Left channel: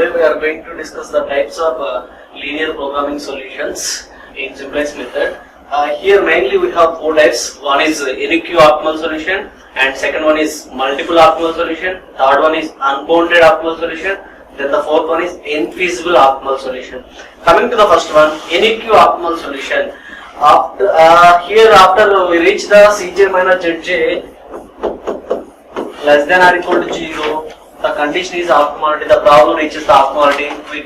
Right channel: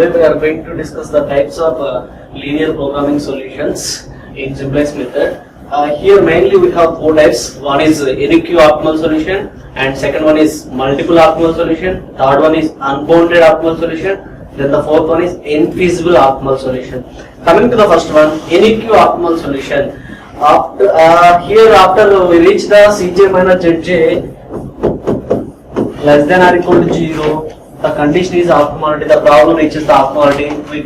Today we are going to discuss the types of linear programming solutions in simplex method. Here mainly we have four types. One is any Q optimal solution, and second one is multiple optimal solution. Third one is unbounded optimal solution. Then the fourth one is infeasible optimal solution. Coming to the first one, any Q optimal solution. After we reach the Cj minus Zj less than or equal to 0, the condition is optimality. The problem reaches the optimality. We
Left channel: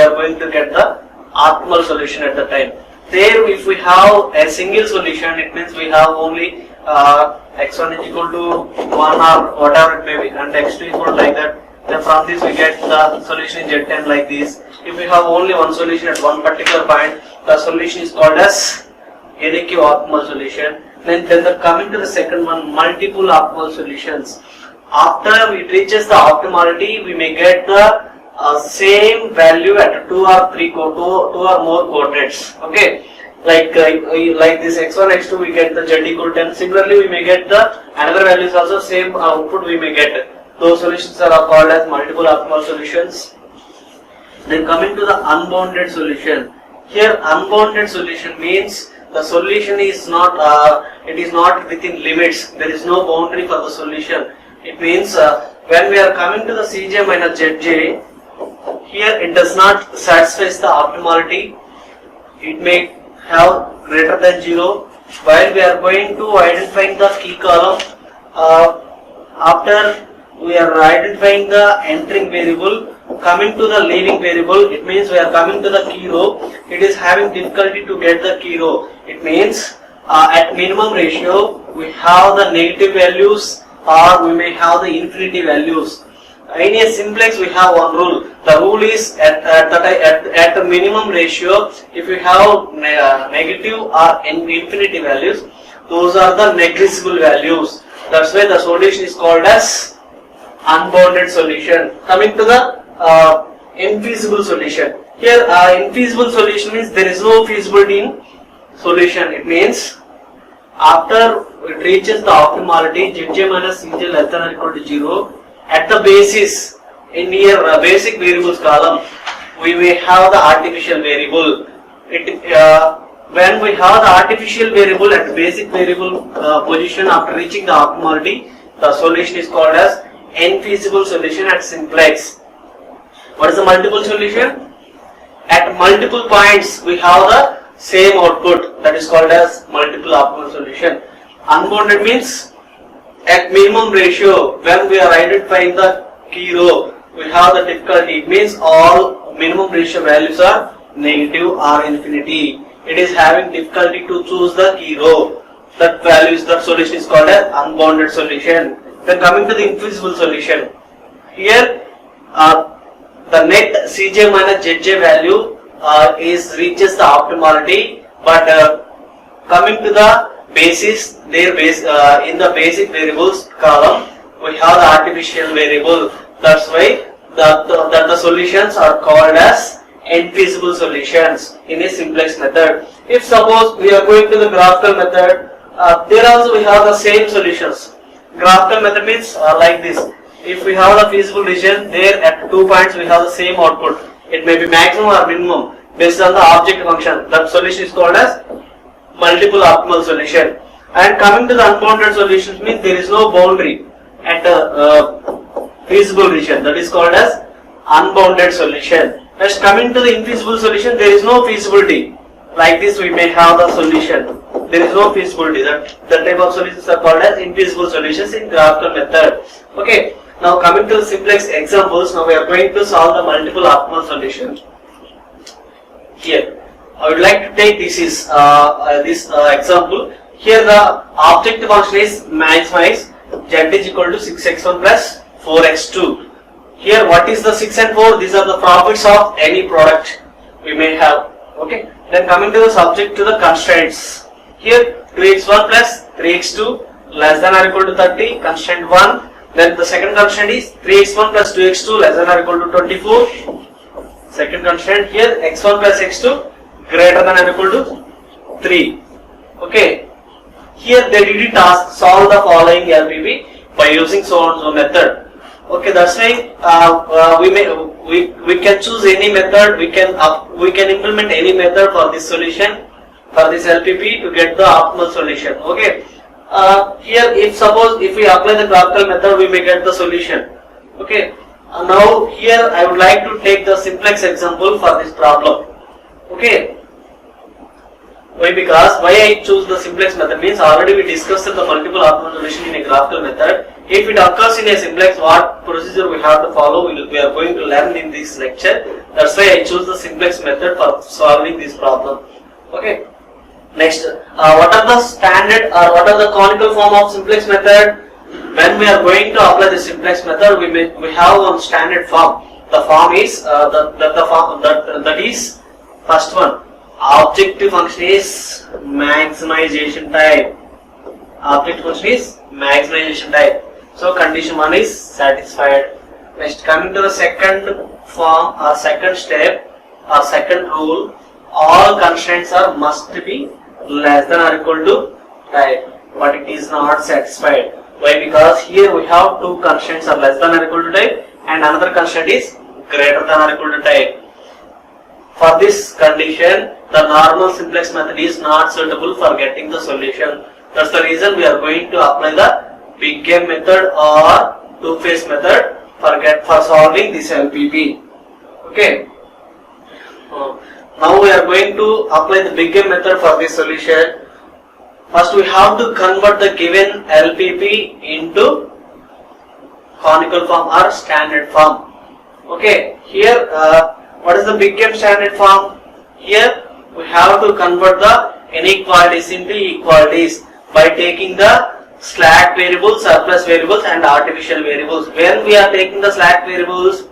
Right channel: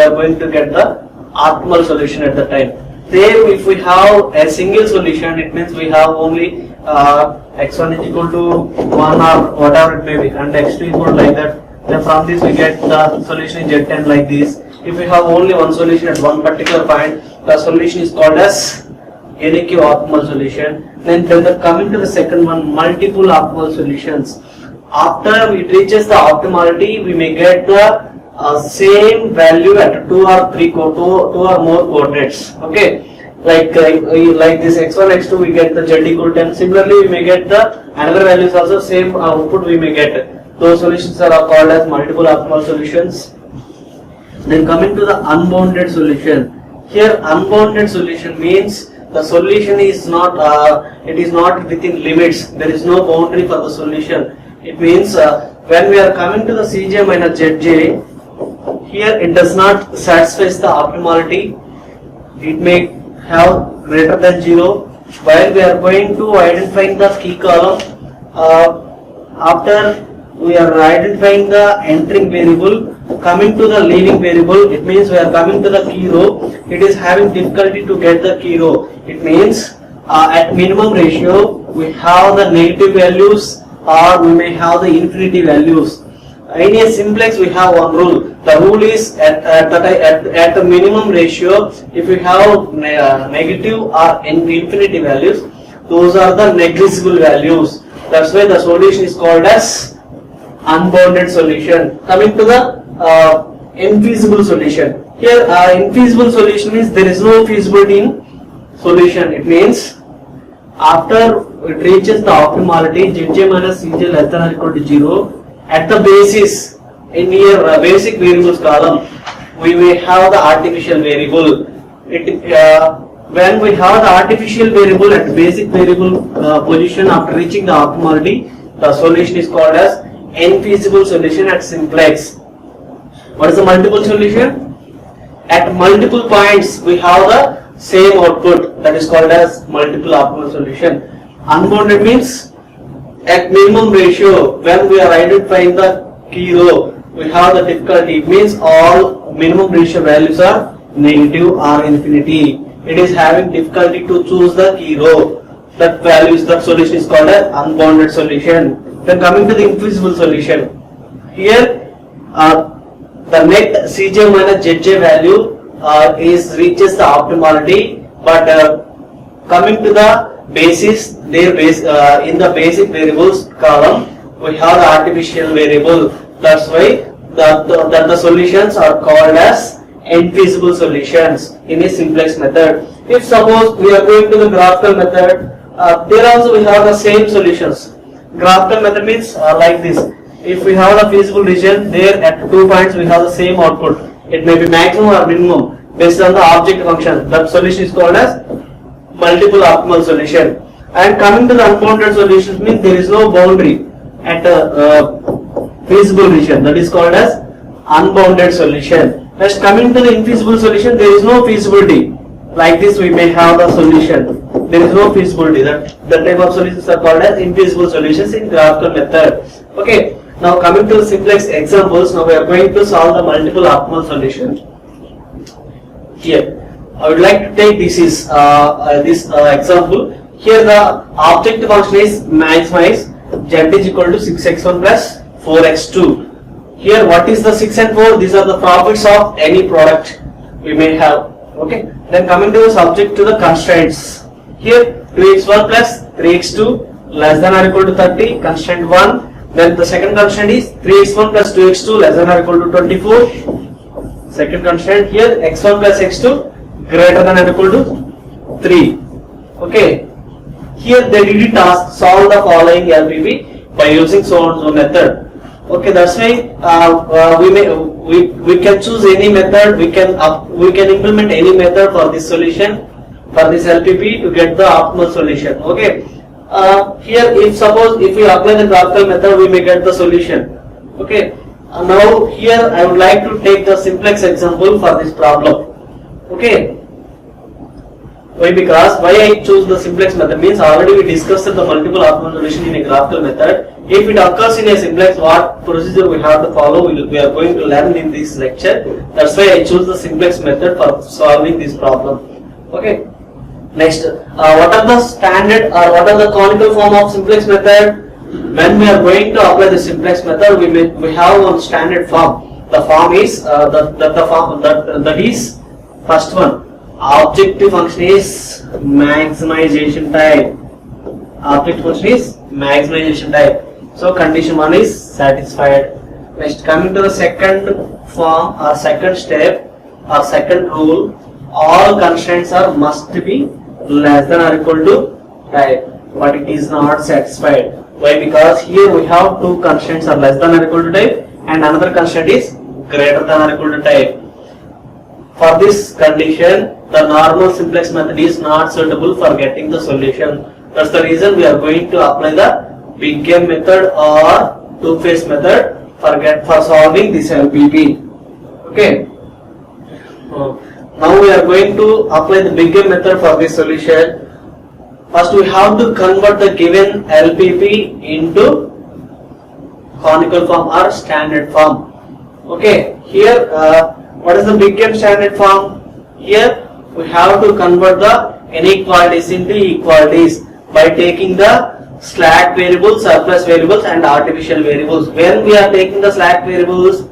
are going to get the optimal solution at the time. There, if we have a single solution, it means we have only x1 is equal to 1 or whatever it may be, and x2 equal to like that. Then from this we get the solution in Z10 like this. If we have only one solution at one particular point, the solution is called as NQ optimal solution. Then coming to the second one, multiple optimal solutions. After it reaches the optimality, we may get the same value at two or more coordinates. Okay, like this x1 x2 we get the z equal 10. Similarly, we may get the another values also, same output we may get. Those solutions are called as multiple optimal solutions. Then coming to the unbounded solution. Here unbounded solution means the solution is not it is not within limits. There is no boundary for the solution. It means when we are coming to the Cj minus Zj, here it does not satisfy the optimality. It may have greater than 0. While we are going to identifying the key column, after we are identifying the entering variable, coming to the leaving variable, it means we are coming to the key row. It is having difficulty to get the key row. It means at minimum ratio we have the negative values, or we may have the infinity values. In a simplex we have one rule. The rule is at the minimum ratio, if we have negative or infinity values, those are the negligible values. That's why the solution is called as unbounded solution. Coming to the infeasible solution. Here infeasible solution means there is no feasibility in solution. It means after it reaches the optimality, Zj minus Cj less than or equal to 0, at the basis in here basic variables column, we may have the artificial variable. When we have the artificial variable at basic variable position after reaching the optimality, the solution is called as infeasible solution at simplex. What is the multiple solution? At multiple points we have the same output, that is called as multiple optimal solution. Unbounded means at minimum ratio, when we are identifying the key row, we have the difficulty. It means all minimum ratio values are negative or infinity. It is having difficulty to choose the key row. That solution is called as unbounded solution. Then coming to the infeasible solution. Here the net Cj minus Zj value reaches the optimality, but coming to the basis, in the basic variables column we have the artificial variable. That's why the solutions are called as infeasible solutions in a simplex method. If suppose we are going to the graphical method, there also we have the same solutions. Graphical method means like this. If we have the feasible region, there at 2 points we have the same output. It may be maximum or minimum based on the object function. That solution is called as multiple optimal solution. And coming to the unbounded solutions means there is no boundary at a feasible region. That is called as unbounded solution. Next, coming to the infeasible solution, there is no feasibility. Like this we may have the solution. There is no feasibility. That type of solutions are called as infeasible solutions in graphical method. Okay. Now coming to the simplex examples, now we are going to solve the multiple optimal solution. Here, I would like to take this example. Here the object function is maximize z is equal to 6x1 plus 4x2. Here what is the 6 and 4? These are the profits of any product we may have. Okay. Then coming to the subject to the constraints. Here 2x1 plus 3x2 less than or equal to 30, constraint 1. Then the second constraint is 3x1 plus 2x2 less than or equal to 24. Second constraint here x1 plus x2 greater than or equal to 3. Okay. Here they did a task, solve the following LPB by using so and so method. Okay, that's why we can choose any method. We can implement any method for this solution, for this LPP to get the optimal solution. Okay. Here, if we apply the graphical method, we may get the solution. Okay. Now here I would like to take the simplex example for this problem. Okay. Why? Because why I choose the simplex method means already we discussed the multiple optimal solution in a graphical method. If it occurs in a simplex, what procedure we have to follow, we are going to learn in this lecture. That's why I choose the simplex method for solving this problem. Okay. Next, what are the standard or what are the conical form of simplex method? When we are going to apply the simplex method, we have one standard form. The form is that is first one. Objective function is maximization type. Objective function is maximization type. So condition 1 is satisfied. Next, coming to the second form or second step or second rule, all constraints must be less than or equal to type, but it is not satisfied. Why? Because here we have two constraints are less than or equal to type and another constraint is greater than or equal to type. For this condition, the normal simplex method is not suitable for getting the solution. That's the reason we are going to apply the big M method or two-phase method for solving this LPP. Okay. Now we are going to apply the big M method for this solution. First we have to convert the given LPP into conical form or standard form. Okay. Here what is the big M standard form? Here we have to convert the inequalities into equalities by taking the slack variables, surplus variables and artificial variables. When we are taking the slack variables,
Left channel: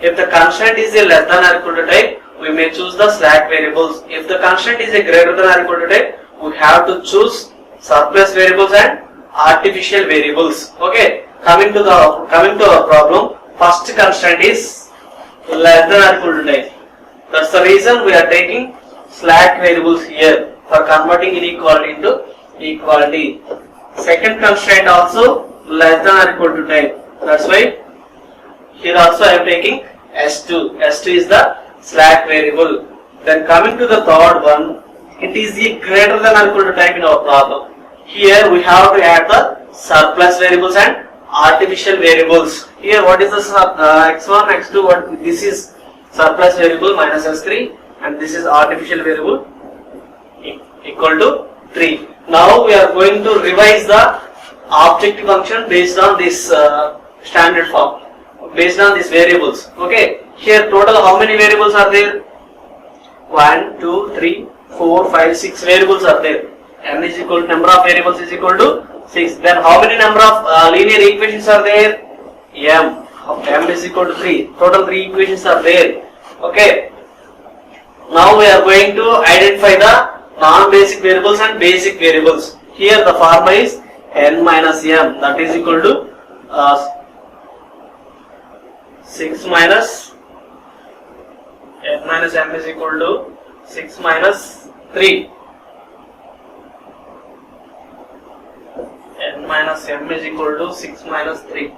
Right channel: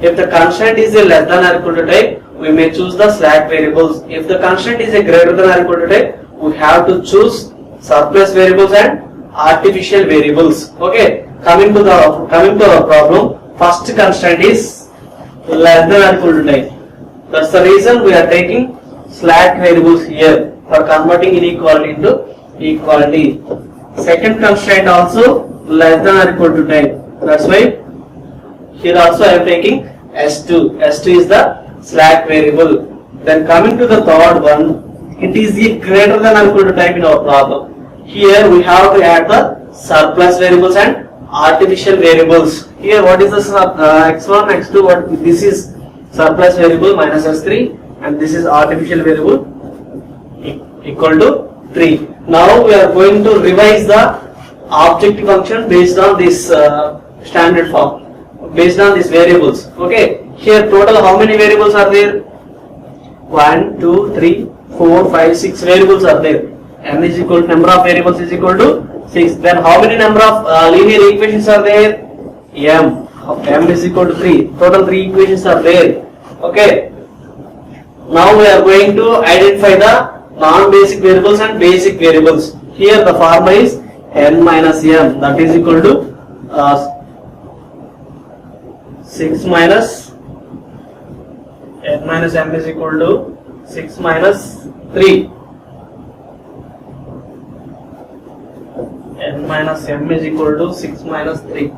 if the constraint is a less than or equal to type, we may choose the slack variables. If the constraint is a greater than or equal to type, we have to choose surplus variables and artificial variables. Okay, coming to our problem, first constraint is less than or equal to type. That's the reason we are taking slack variables here for converting inequality into equality. Second constraint also less than or equal to type. That's why here also I am taking S2. S2 is the slack variable. Then coming to the third one, it is the greater than or equal to type in our problem. Here we have to add the surplus variables and artificial variables. Here what is the x1, x2, what this is surplus variable minus s3 and this is artificial variable equal to 3. Now we are going to revise the objective function based on this standard form, based on these variables. Okay, here total how many variables are there? 1, 2, 3, 4, 5, 6 variables are there. N is equal to number of variables is equal to 6. Then how many number of linear equations are there? M. M is equal to 3. Total 3 equations are there. Okay. Now we are going to identify the non-basic variables and basic variables. Here the formula is n minus m, that is equal to 6 minus n minus m is equal to 6 minus 3. N minus m is equal to 6 minus 3.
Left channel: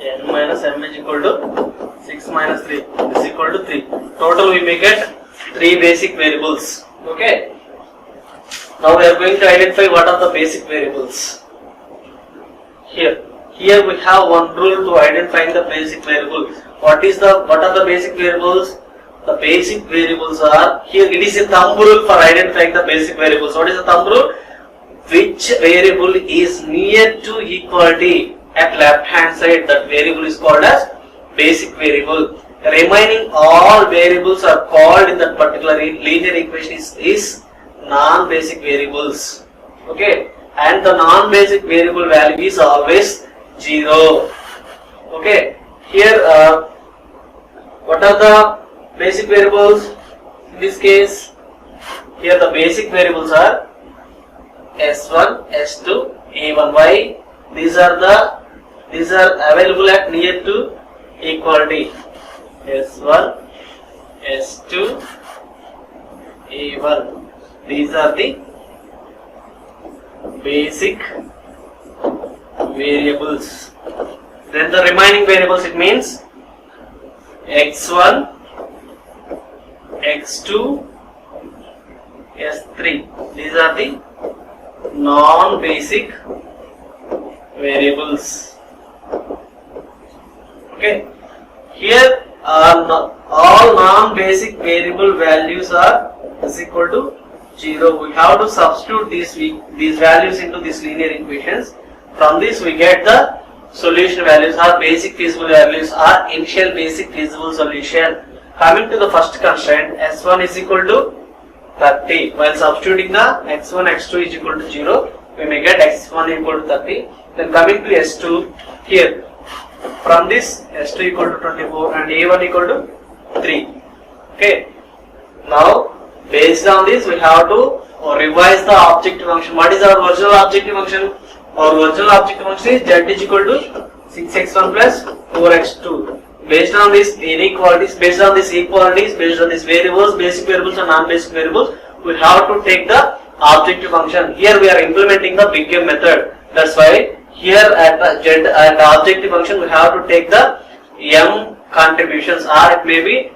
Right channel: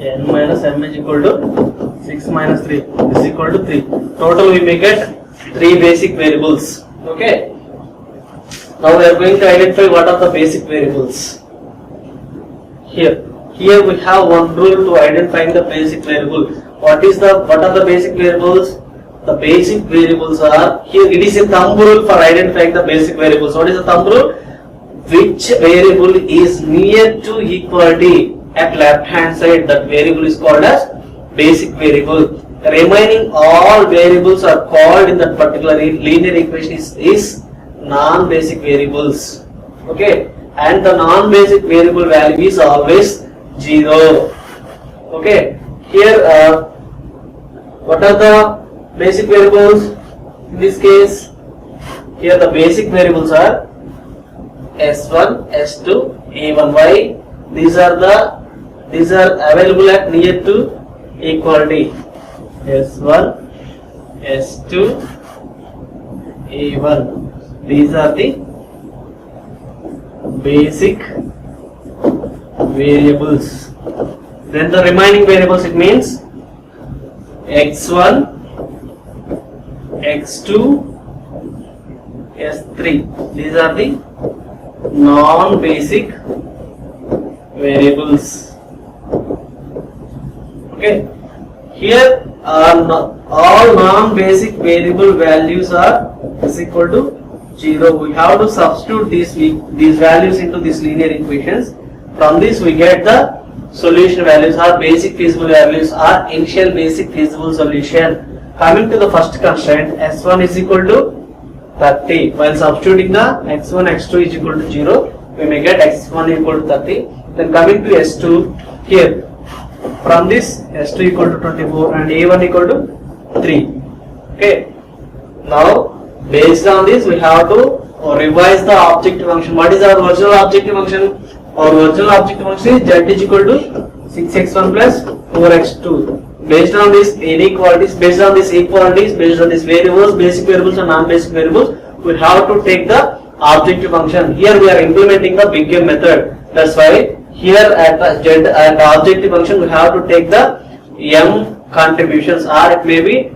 N minus m is equal to 6 minus 3 is equal to 3. Total we may get 3 basic variables. Okay. Now we are going to identify what are the basic variables. Here we have one rule to identify the basic variable. What are the basic variables? The basic variables are, here it is a thumb rule for identifying the basic variables. What is the thumb rule? Which variable is near to equality at left hand side, that variable is called as basic variable. Remaining all variables are called in that particular linear equation is non-basic variables. Okay, and the non-basic variable value is always 0. Okay, here what are the basic variables in this case? Here the basic variables are S1, S2, A1. Why? These are available at near to equality. S1, S2, A1. These are the basic variables. Then the remaining variables, it means x1, x2, s3. These are the non-basic variables. Okay. Here all non-basic variable values are is equal to 0. We have to substitute these values into these linear equations. From this we get the solution values or basic feasible values or initial basic feasible solution. Coming to the first constraint, s1 is equal to 30. While substituting the x1, x2 is equal to 0, we may get x1 equal to 30. Then coming to s2, here from this s2 equal to 24 and a1 equal to 3. Okay. Now based on this we have to revise the objective function. What is our original objective function? Our original objective function is z is equal to 6x1 plus 4x2. Based on these inequalities, based on these equalities, based on these variables, basic variables and non-basic variables, we have to take the objective function. Here we are implementing the big M method. That's why here at the objective function we have to take the m contributions, or it may be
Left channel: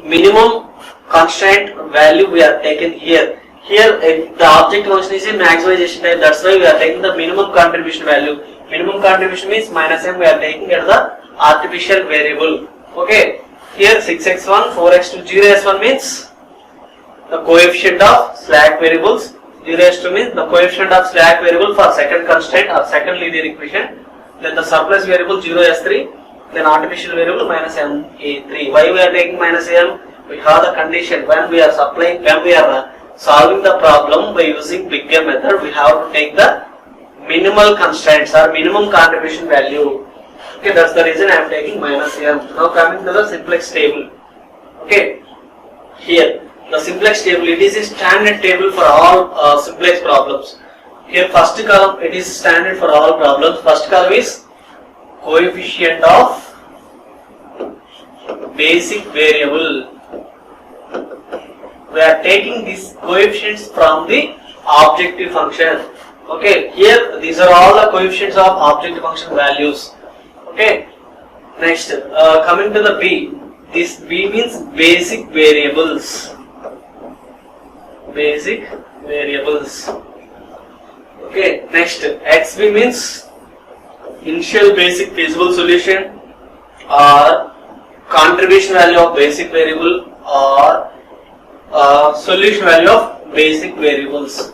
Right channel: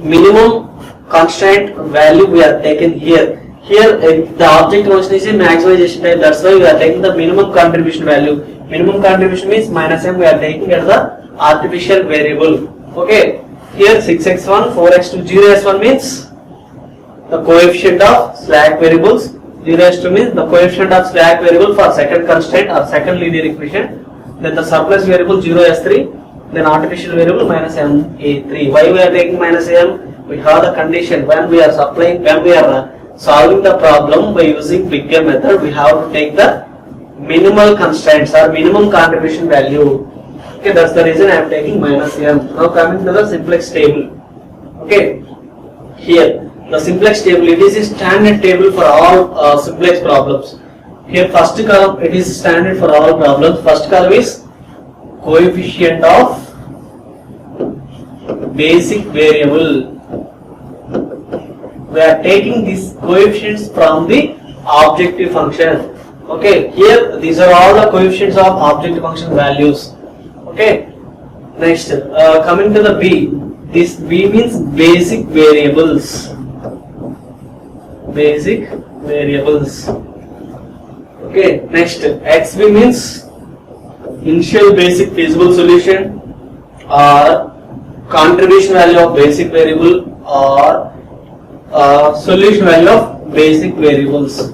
minimum constraint value we are taking here. Here the objective function is a maximization type. That's why we are taking the minimum contribution value. Minimum contribution means minus m we are taking as the artificial variable. Okay. Here 6x1, 4x2, 0s1 means the coefficient of slack variables. 0s2 means the coefficient of slack variable for second constraint or second linear equation. Then the surplus variable 0s3. Then artificial variable minus ma3. Why we are taking minus m? We have the condition when we are solving the problem by using big M method, we have to take the minimal constraints or minimum contribution value. Okay, that's the reason I am taking minus m. Now coming to the simplex table. Okay, here the simplex table, it is a standard table for all simplex problems. Here first column, it is standard for all problems. First column is coefficient of basic variable. We are taking these coefficients from the objective function. Okay, here these are all the coefficients of objective function values. Okay, next coming to the B. This B means basic variables. Basic variables. Okay, next XB means initial basic feasible solution or contribution value of basic variable or solution value of basic variables.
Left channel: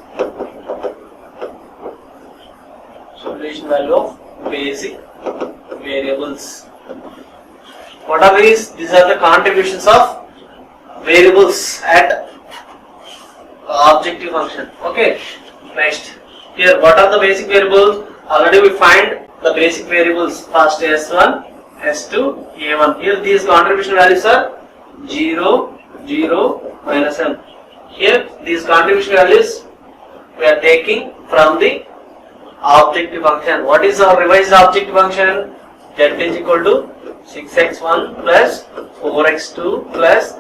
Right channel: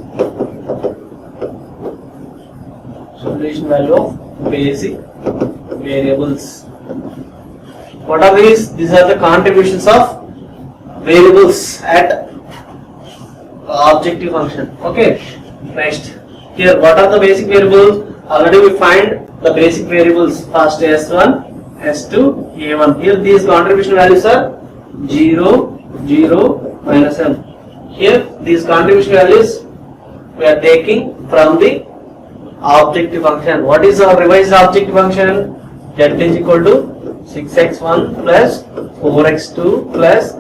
Solution value of basic variables. What are these? These are the contributions of variables at objective function. Okay. Next, here what are the basic variables? Already we find the basic variables. First S1, S2, A1. Here these contribution values are 0, 0, minus m. Here these contribution values we are taking from the objective function. What is our revised objective function? Z is equal to 6x1 plus 4x2 plus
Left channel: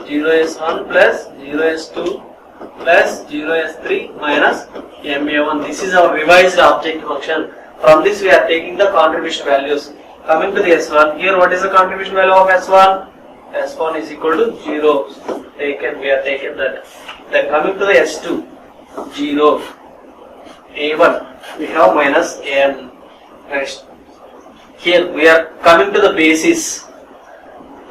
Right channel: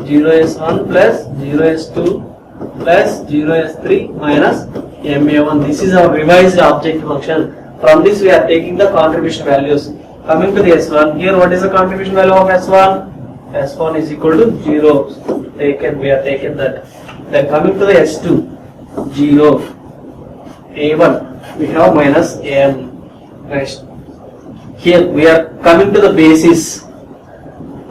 0s1 plus 0s2 plus 0s3 minus ma1. This is our revised objective function. From this we are taking the contribution values. Coming to the S1, here what is the contribution value of S1? S1 is equal to 0. We are taken that. Then coming to the S2, 0. A1, we have minus m. Next, here we are coming to the basis.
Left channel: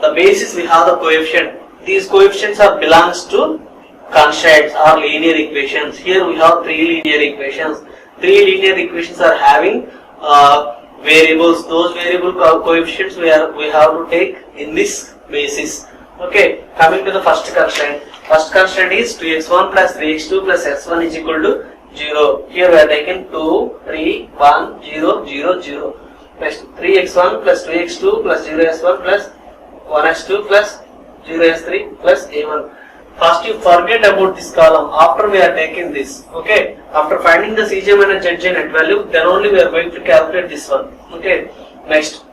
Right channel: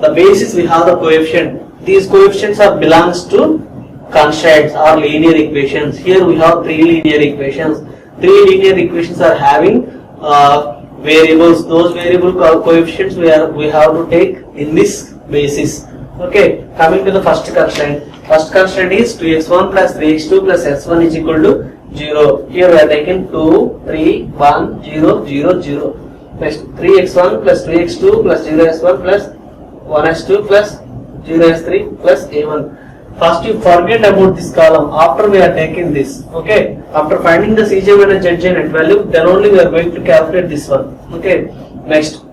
The basis we have the coefficient. These coefficients are belongs to constraints or linear equations. Here we have three linear equations. Three linear equations are having variables. Those variable coefficients we have to take in this basis. Okay, coming to the first constraint. First constraint is 2x1 plus 3x2 plus s1 is equal to 0. Here we are taking 2, 3, 1, 0, 0, 0. Next 3x1 plus 2x2 plus 0s1 plus 1s2 plus 0s3 plus a1. First you forget about this column after we are taking this. Okay, after finding the Cj minus Zj net value, then only we are going to calculate this one. Okay, next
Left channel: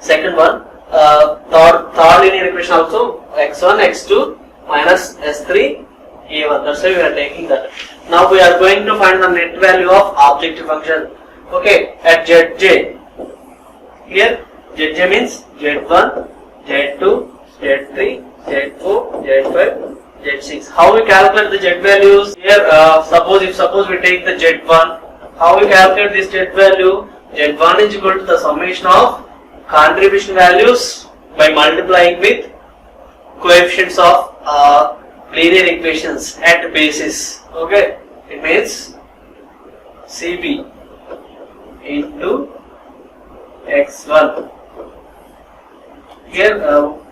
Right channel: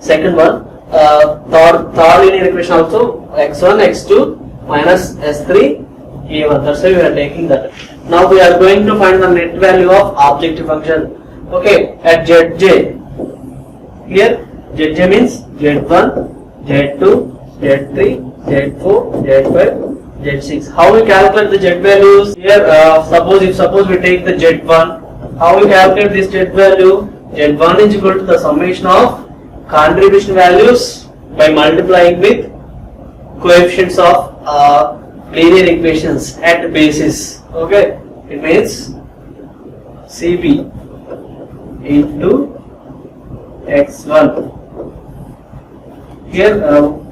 second one, third linear equation also x1 x2 minus s3 a1. That's why we are taking that. Now we are going to find the net value of objective function. Okay, at Zj, here Zj means Z1, Z2, Z3, Z4, Z5, Z6. How we calculate the Z values? Here, suppose we take the Z1, how we calculate this Z value? Z1 is equal to the summation of contribution values by multiplying with coefficients of linear equations at basis. Okay, it means CB into x1. Here,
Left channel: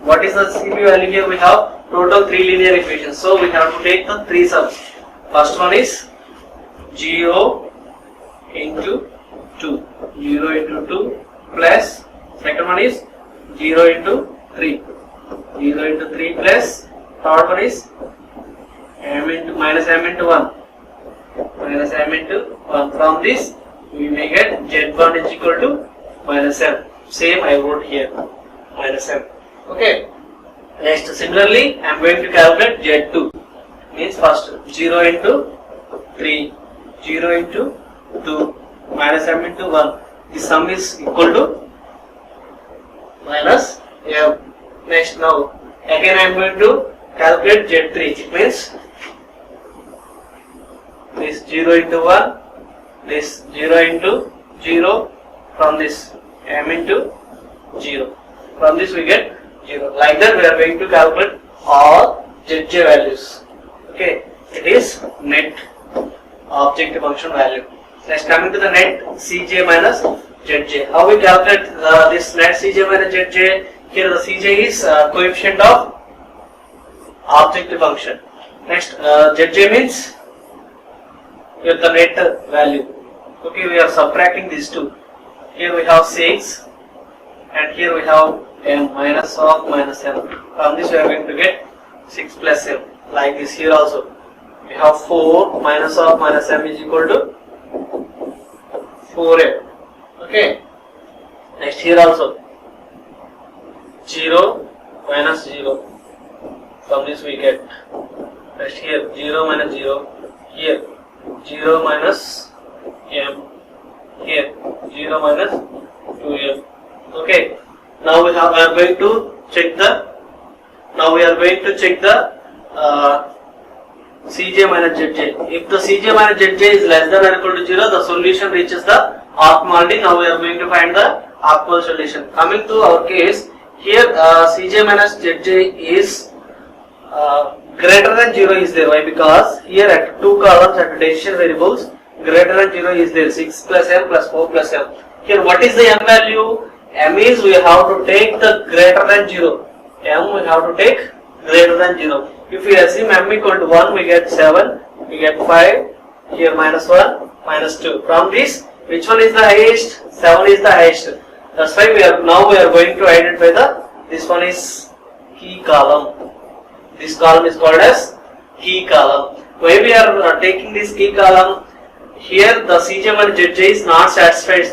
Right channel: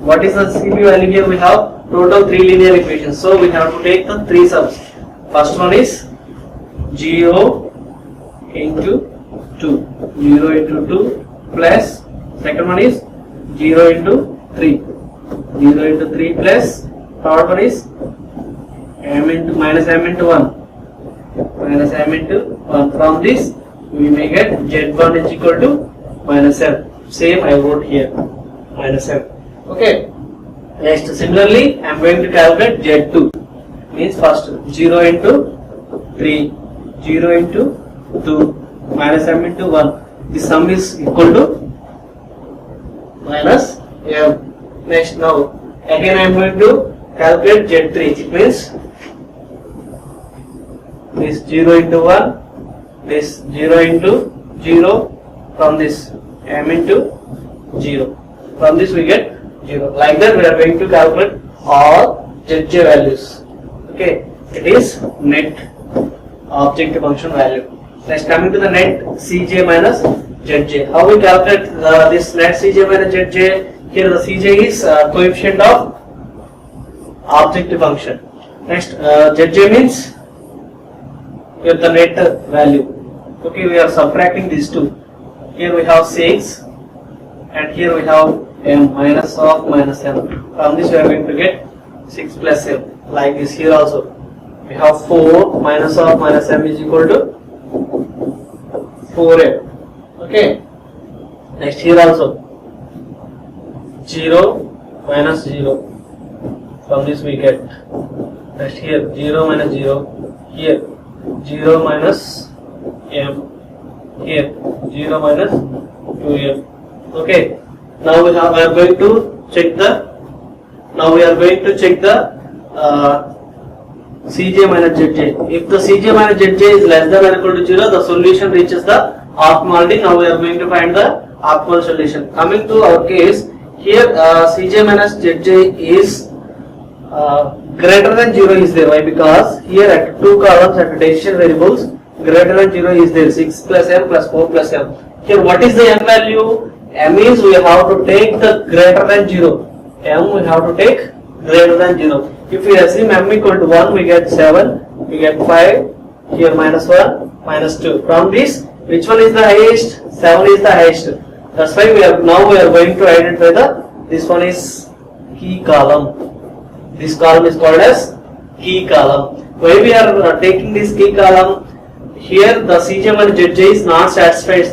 what is the CB value? Here we have total 3 linear equations, so we have to take the 3 sums. First one is 0 into 2, 0 into 2 plus, second one is 0 into 3, 0 into 3 plus, third one is m into minus m into 1, minus m into 1. From this we may get Z1 is equal to minus m. Same I wrote here, minus m. Okay. Next, similarly, I am going to calculate Z2. Means first 0 into 3, 0 into 2, minus m into 1. The sum is equal to minus m. Next, now again I am going to calculate Z3. It means this 0 into 1, this 0 into 0, from this m into 0. From this we get 0. Like that we are going to calculate all Zj values. Okay, it is net objective function value. Next, coming to the net Cj minus Zj. How we calculate this net Cj minus Zj? Here the Cj is coefficient of objective function. Next, Zj means here the net value. Okay, we are subtracting these two. Here we have 6 and here we have m minus of minus m. From this we are going to get 6 plus m. Like this here also. We have 4 minus of minus m is equal to 4m. Okay. Next, here also 0 minus 0. From this we get. Next, here 0 minus 0. Here 0 minus m. Here 0 minus 2m. Okay. Now we are going to check the. Now we are going to check the Cj minus Zj. If the Cj minus Zj is less than or equal to 0, the solution reaches the optimality. Now we are going to find the optimal solution. Coming to our case, here Cj minus Zj is greater than 0 is there. Why? Because here at 2 columns at decision variables, greater than 0 is there. 6 plus m plus 4 plus m. Here what is the m value? M is we have to take the greater than 0. M we have to take greater than 0. If we assume m equal to 1, we get 7, we get 5, here minus 1, minus 2. From this, which one is the highest? 7 is the highest. That's why we are going to identify this one is key column. This column is called as key column. Why we are taking this key column? Here the Cj minus Zj is not satisfies.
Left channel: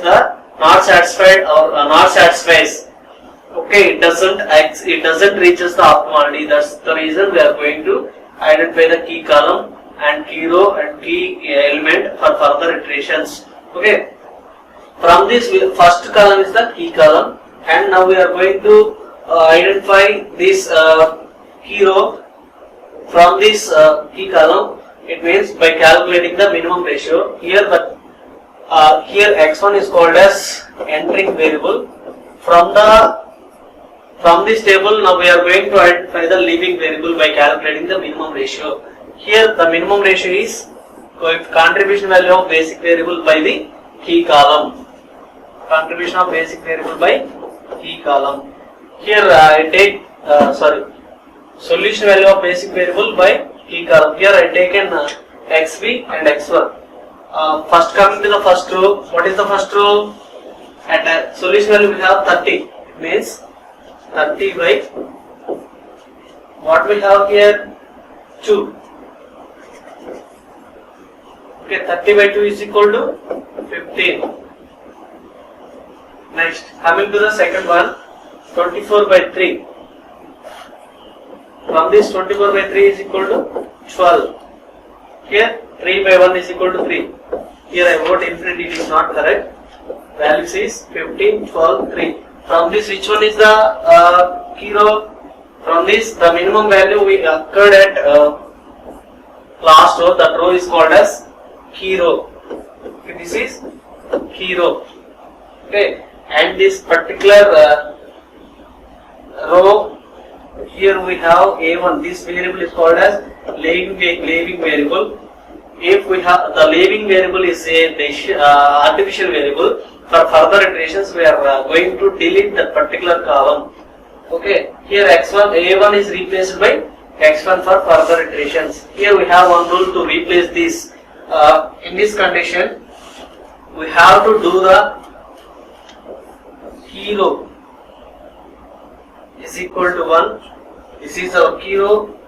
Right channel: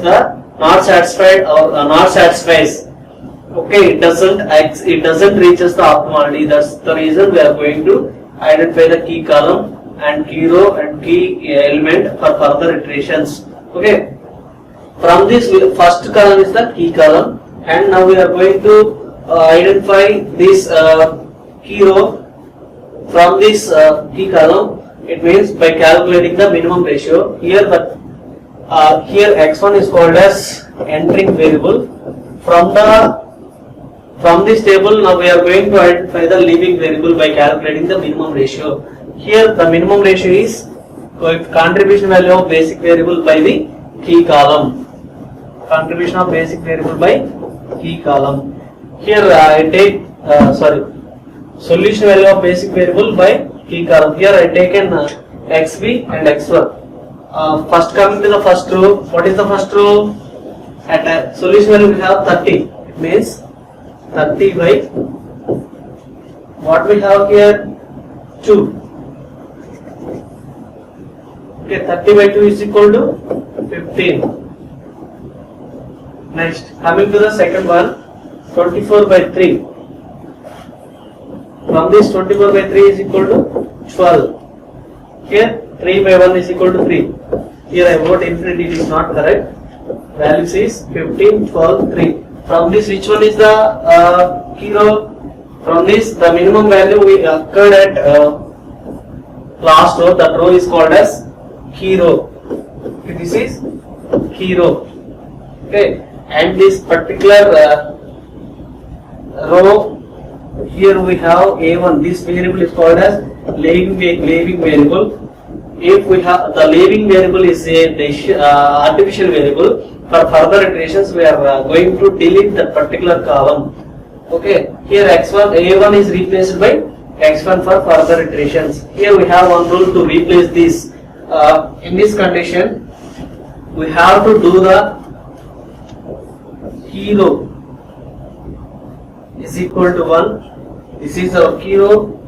Okay, it doesn't reaches the optimality. That's the reason we are going to identify the key column and key row and key element for further iterations. Okay. From this, first column is the key column, and now we are going to identify this key row from this key column. It means by calculating the minimum ratio. Here, here x1 is called as entering variable. From this table, now we are going to identify the leaving variable by calculating the minimum ratio. Here, the minimum ratio is contribution value of basic variable by the key column. Contribution of basic variable by key column. Here I take solution value of basic variable by key column. Here I taken xb and x1. First, coming to the first row. What is the first row? At a solution value we have 30. It means 30 by what we have here 2. Okay, 30 by 2 is equal to 15. Next, coming to the second one, 24 by 3. From this 24 by 3 is equal to 12. Here 3 by 1 is equal to 3. Here I wrote infinity, it is not correct. Values is 15, 12, 3. From this, which one is the key row? From this, the minimum value we occurred at last row. That row is called as key row. Okay, this is key row. Okay, and this particular row, here we have A1. This variable is called as leaving variable. If we have the leaving variable is a artificial variable, for further iterations we are going to delete that particular column. Okay, here x1 A1 is replaced by x1 for further iterations. Here we have one rule to replace this. In this condition, we have to do the key row is equal to 1. This is our key row,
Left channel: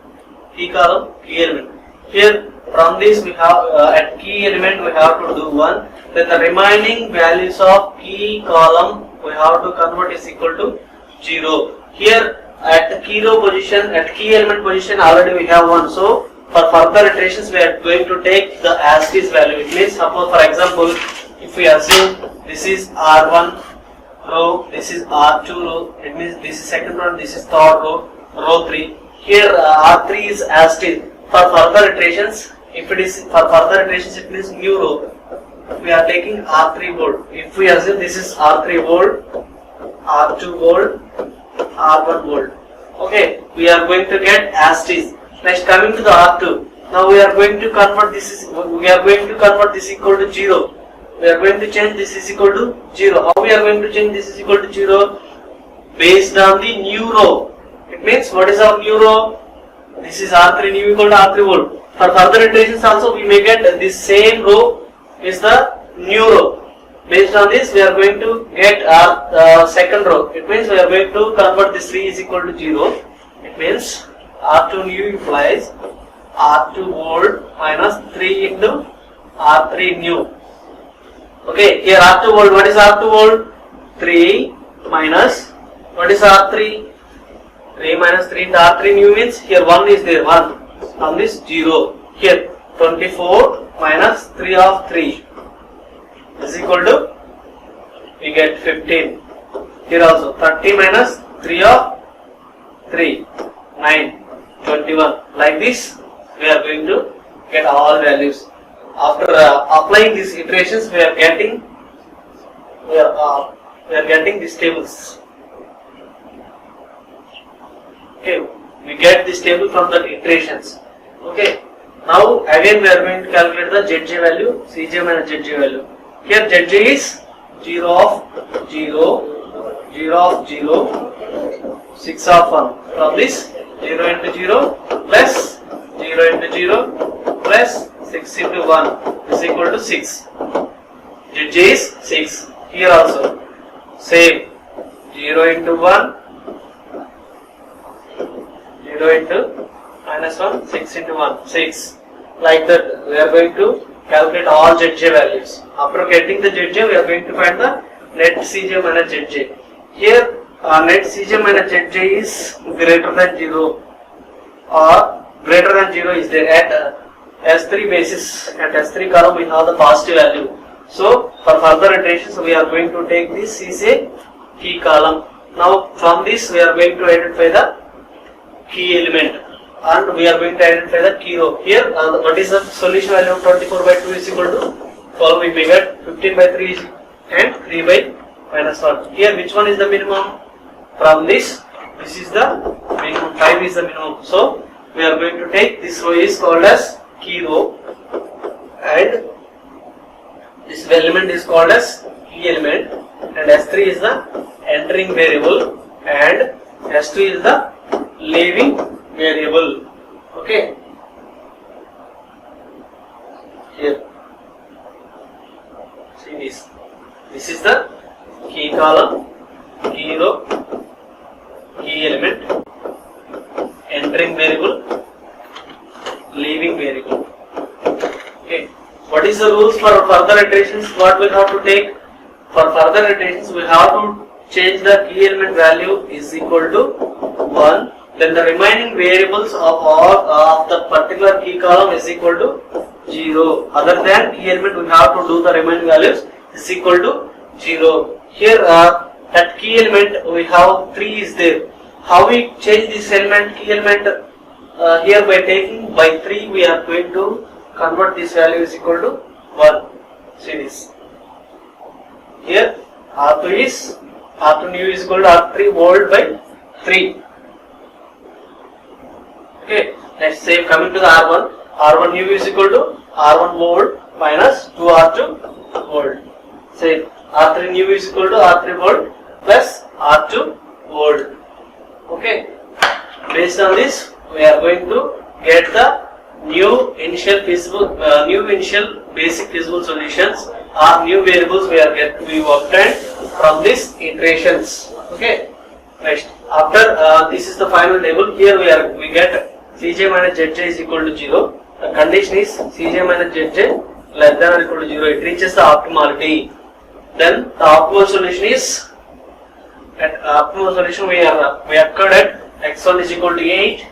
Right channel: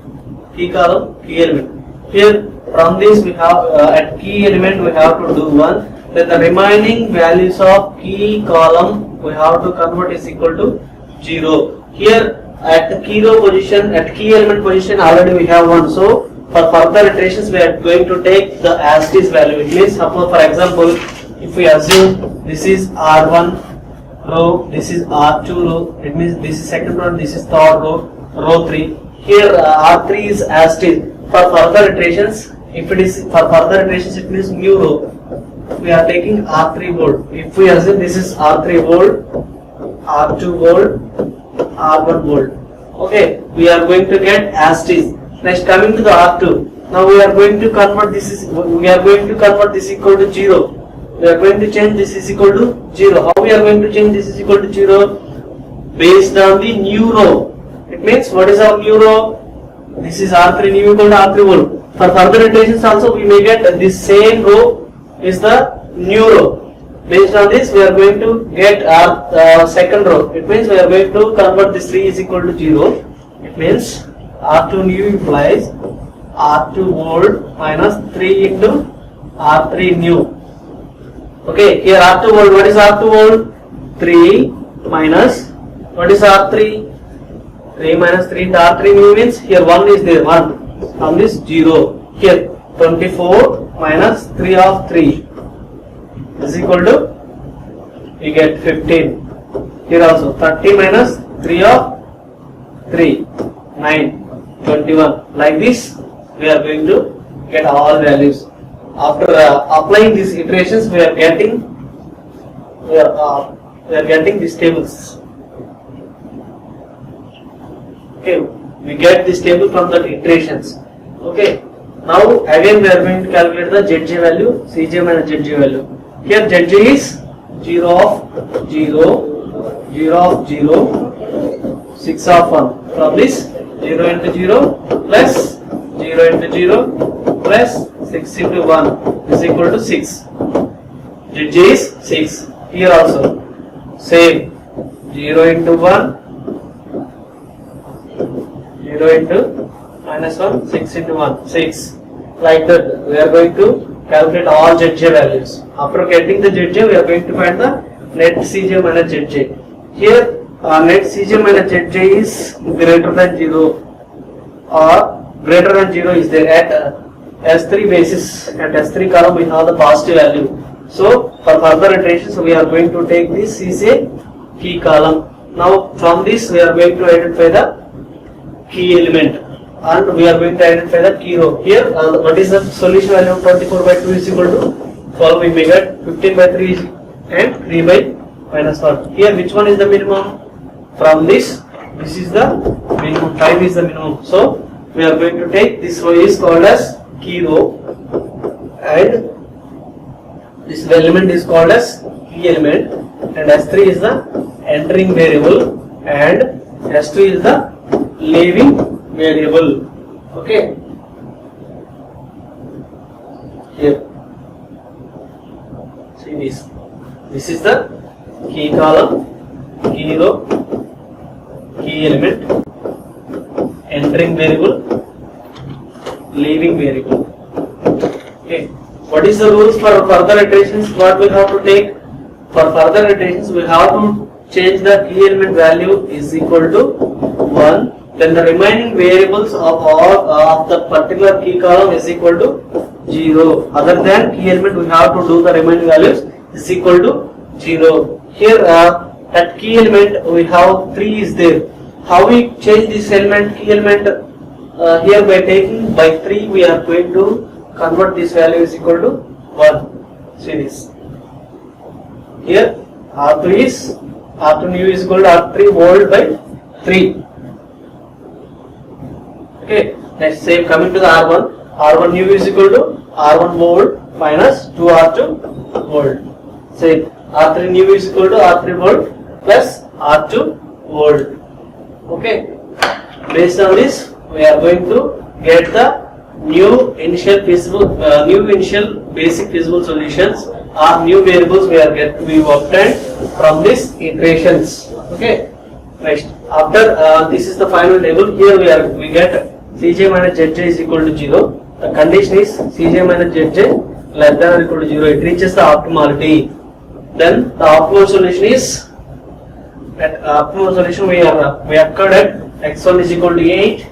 key column, key element. Here from this we have at key element we have to do 1. Then the remaining values of key column we have to convert is equal to 0. Here at the key row position, at key element position already we have 1. So for further iterations we are going to take the as is value. It means suppose for example if we assume this is R1 row, this is R2 row, it means this is second row, this is third row, row 3. Here R3 is as it is. For further iterations, if it is for further iterations, it means new row. We are taking R3 bold. If we assume this is R3 bold, R2 bold, R1 bold. Okay, we are going to get as it is. Next, coming to the R2. Now we are going to convert this equal to 0. We are going to change this is equal to 0. How we are going to change this is equal to 0? Based on the new row. It means what is our new row? This is R3 new equal to R3 bold. For further iterations also we may get this same row is the new row. Based on this we are going to get our second row. It means we are going to convert this 3 is equal to 0. It means R2 new implies R2 bold minus 3 into R3 new. Okay, here R2 bold, what is R2 bold? 3 minus, what is R3? 3 minus 3 into R3 new means here 1 is there, 1 from this 0. Here 24 minus 3 of 3 is equal to, we get 15. Here also 30 minus 3 of 3, 9, 21. Like this we are going to get all values. After applying these iterations, we are getting these tables. Okay, we get this table from the iterations. Okay, now again we are going to calculate the Zj value, Cj minus Zj value. Here Zj is 0 of 0, 0 of 0, 6 of 1. From this 0 into 0 plus 0 into 0 plus 6 into 1 is equal to 6. Zj is 6. Here also same 0 into 1, 0 into minus 1, 6 into 1, 6. Like that we are going to calculate all Zj values. After getting the Zj we are going to find the net Cj minus Zj. Here net Cj minus Zj is greater than 0 or greater than 0 is there at S3 basis. At S3 column we have the positive value. So for further iterations we are going to take this is a key column. Now from this we are going to identify the key element and we are going to identify the key row. Here what is the solution value of 24 by 2 is equal to 12. We may get 15 by 3 and 3 by minus 1. Here which one is the minimum? From this is the minimum, 5 is the minimum. So we are going to take this row is called as key row and this element is called as key element and S3 is the entering variable and S2 is the leaving variable. Okay, here see this is the key column, key row, key element, entering variable, leaving variable. Okay, what is the rules for further iterations? What we have to take for further iterations? We have to change the key element value is equal to 1. Then the remaining variables of all of the particular key column is equal to 0. Other than key element, we have to do the remaining values is equal to 0. Here at key element we have 3 is there. How we change this element, key element, here by taking by 3 we are going to convert this value is equal to 1. See this. Here R2 new is equal to R3 volt by 3. Okay, next same coming to the R1 new is equal to R1 volt minus 2 R2 volt. Same R3 new is equal to R3 volt plus R2 volt. Okay, based on this we are going to get the new initial basic feasible solutions or new variables we obtained from these iterations. Okay, next after this is the final table. Here we get Cj minus Zj is equal to 0. The condition is Cj minus Zj less than or equal to 0. It reaches the optimality. Then the optimal solution is we occurred at x1 is equal to 8.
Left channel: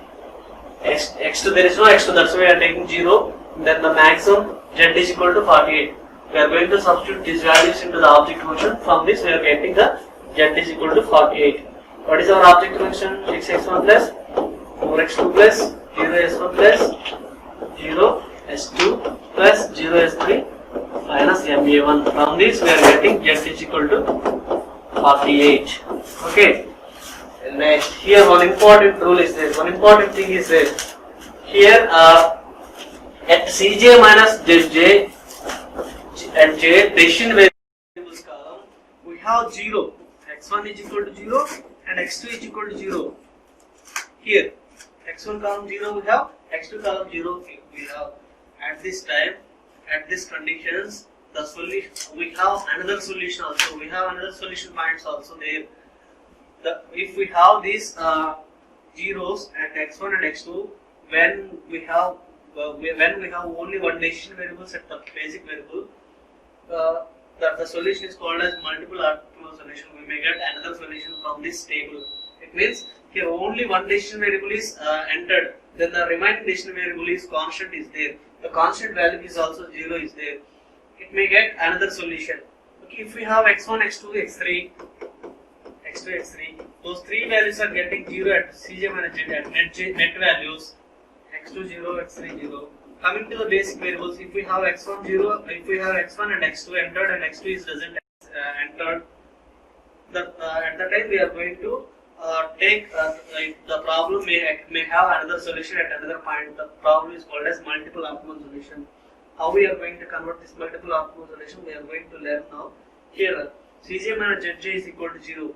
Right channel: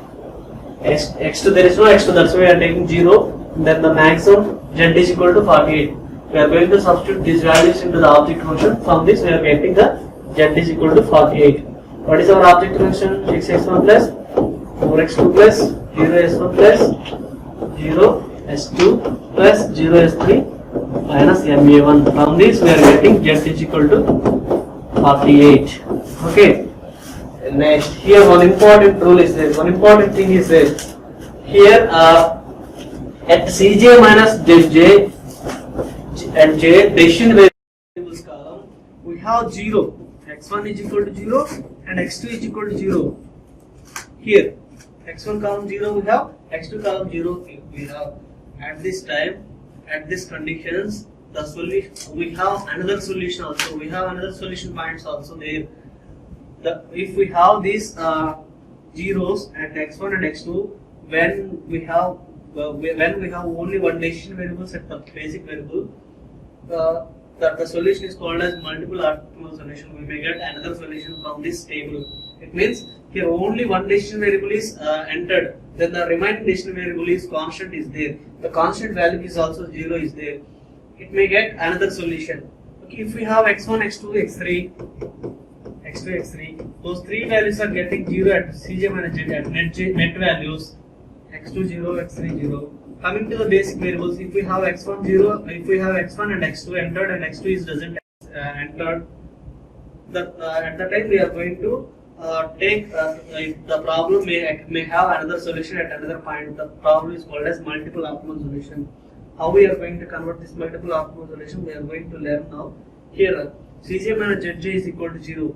X2 there is no x2, that's why we are taking 0. Then the maximum Z is equal to 48. We are going to substitute these values into the object function. From this we are getting the Z is equal to 48. What is our object function? 6x1 plus 4x2 plus 0s1 plus 0s2 plus 0s3 minus MA1. From this we are getting Z is equal to 48. Okay. Next, here one important rule is there. One important thing is there. Here at Cj minus Zj and J decision variables column, we have 0. X1 is equal to 0 and X2 is equal to 0. Here, X1 column 0 we have, X2 column 0 we have. At this time, at these conditions, the solution we have another solution also. We have another solution points also there. If we have these zeros at x1 and x2, when we have only one decision variable set the basic variable, the solution is called as multiple optimal solution. We may get another solution from this table. It means here only one decision variable is entered, then the remaining decision variable is constant is there. The constant value is also 0 is there. It may get another solution. Okay, if we have x1, x2, x3, x3, those three values are getting 0 at Cj minus Zj at net values, x2 0, x3 0. Coming to the basic variables, if we have x1 0, if we have x1 and x2 entered and x2 is doesn't entered, at the time we are going to take the problem may have another solution at another point. The problem is called as multiple optimal solution. How we are going to convert this multiple optimal solution, we are going to learn now. Here Cj minus Zj is equal to 0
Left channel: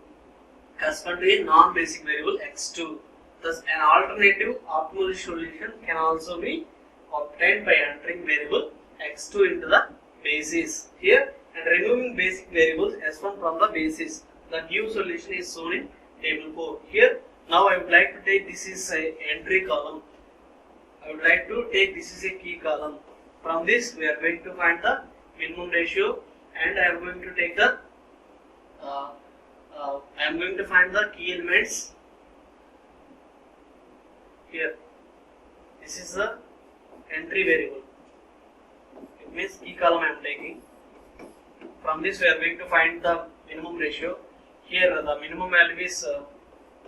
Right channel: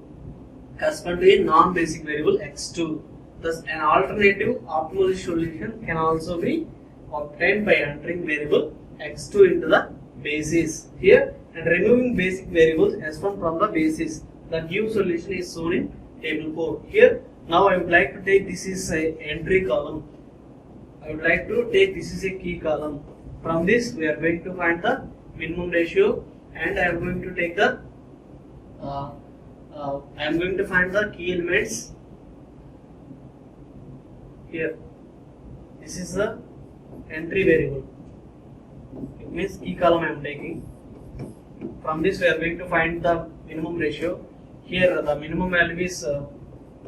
correspond to a non-basic variable x2. Thus, an alternative optimal solution can also be obtained by entering variable x2 into the basis here and removing basic variables s1 from the basis. The new solution is shown in table 4. Here, now I would like to take this is a entry column. I would like to take this is a key column. From this, we are going to find the minimum ratio, and I am going to take the I am going to find the key elements here. This is the entry variable. It means key column I am taking. From this we are going to find the minimum ratio. Here the minimum value is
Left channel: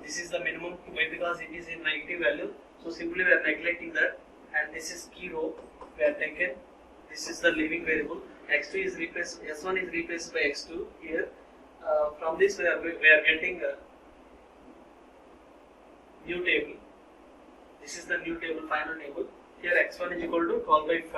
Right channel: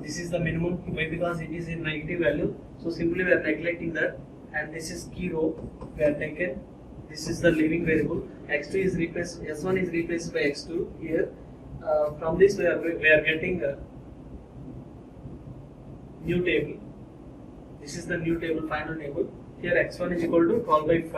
this is the minimum because it is in negative value. So simply we are neglecting that, and this is key row we are taken. This is the leaving variable. X2 is replaced. S1 is replaced by X2 here. From this we are getting a new table. This is the new table, final table. Here x1 is equal to 12 by 5,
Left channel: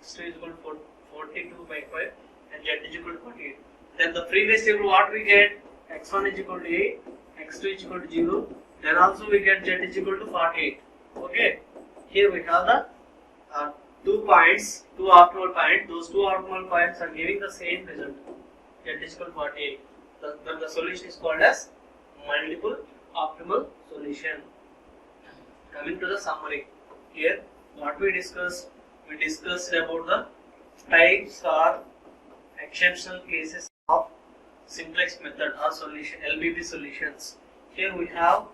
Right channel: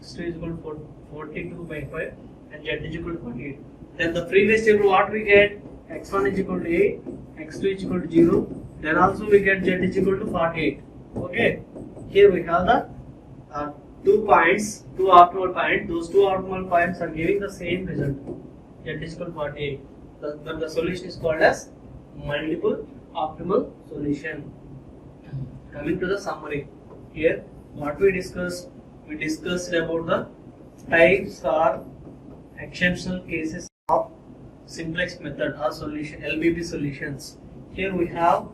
x2 is equal to 42 by 5, and z is equal to 48. Then the previous table, what we get? X1 is equal to 8, x2 is equal to 0. Then also we get z is equal to 48. Okay. Here we have the 2 points, 2 optimal points. Those 2 optimal points are giving the same result. Z is equal to 48. Then the solution is called as multiple optimal solution. Coming to the summary, here what we discussed about the types or exceptional cases of simplex method or solution LBP solutions. Here we have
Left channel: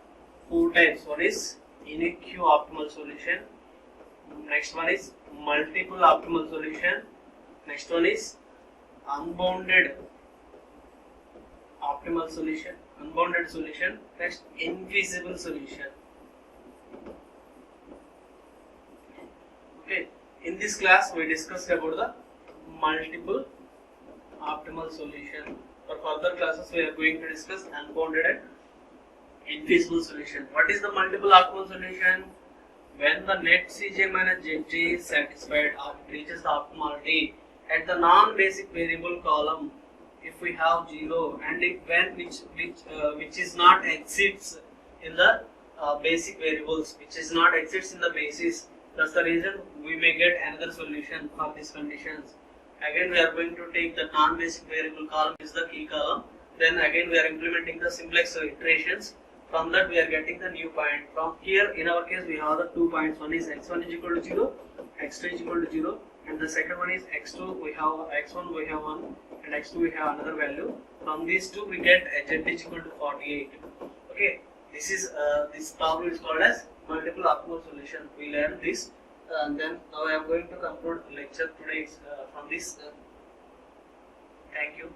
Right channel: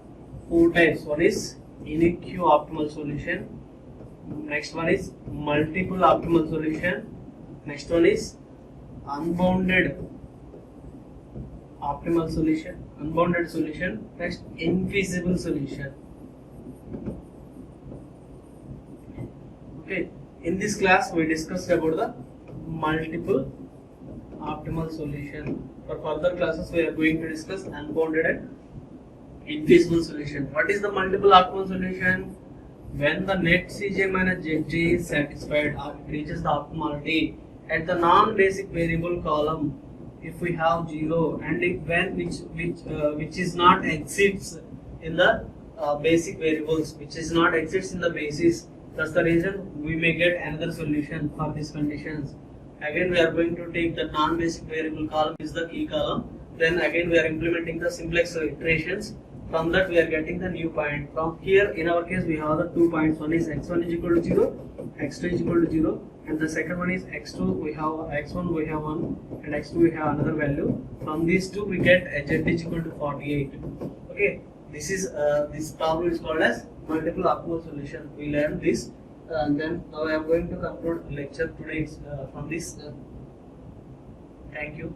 4 types. One is unique Q optimal solution, Next one is multiple optimal solution. Next one is unbounded optimal solution, unbounded solution. Next, infeasible solution. Okay, in this class we discussed about the multiple optimal solution. For further classes we are going to discuss unbounded and infeasible solution. What is the multiple optimal solution? When the net Cj minus Zj is satisfied or it reaches the optimality at the non-basic variable column, if we have 0 and if when which is not exceeds in the basic variables, which is not exceeds in the basis, that's the reason we may get another solution for these conditions. Again we are going to take the non-basic variable column is the key column, then again we are implementing the simplex iterations. From that we are getting the new point. From here in our case we have the 2 points. One is x1 is equal to 0, x2 is equal to 0, and the second one is x2 we have x1 we have 1 and x2 we have another value. From these two we get z is equal to 48. Okay, this is this problem is called as multiple optimal solution. We learned this and then now I am going to conclude lecture today from this. Thank you.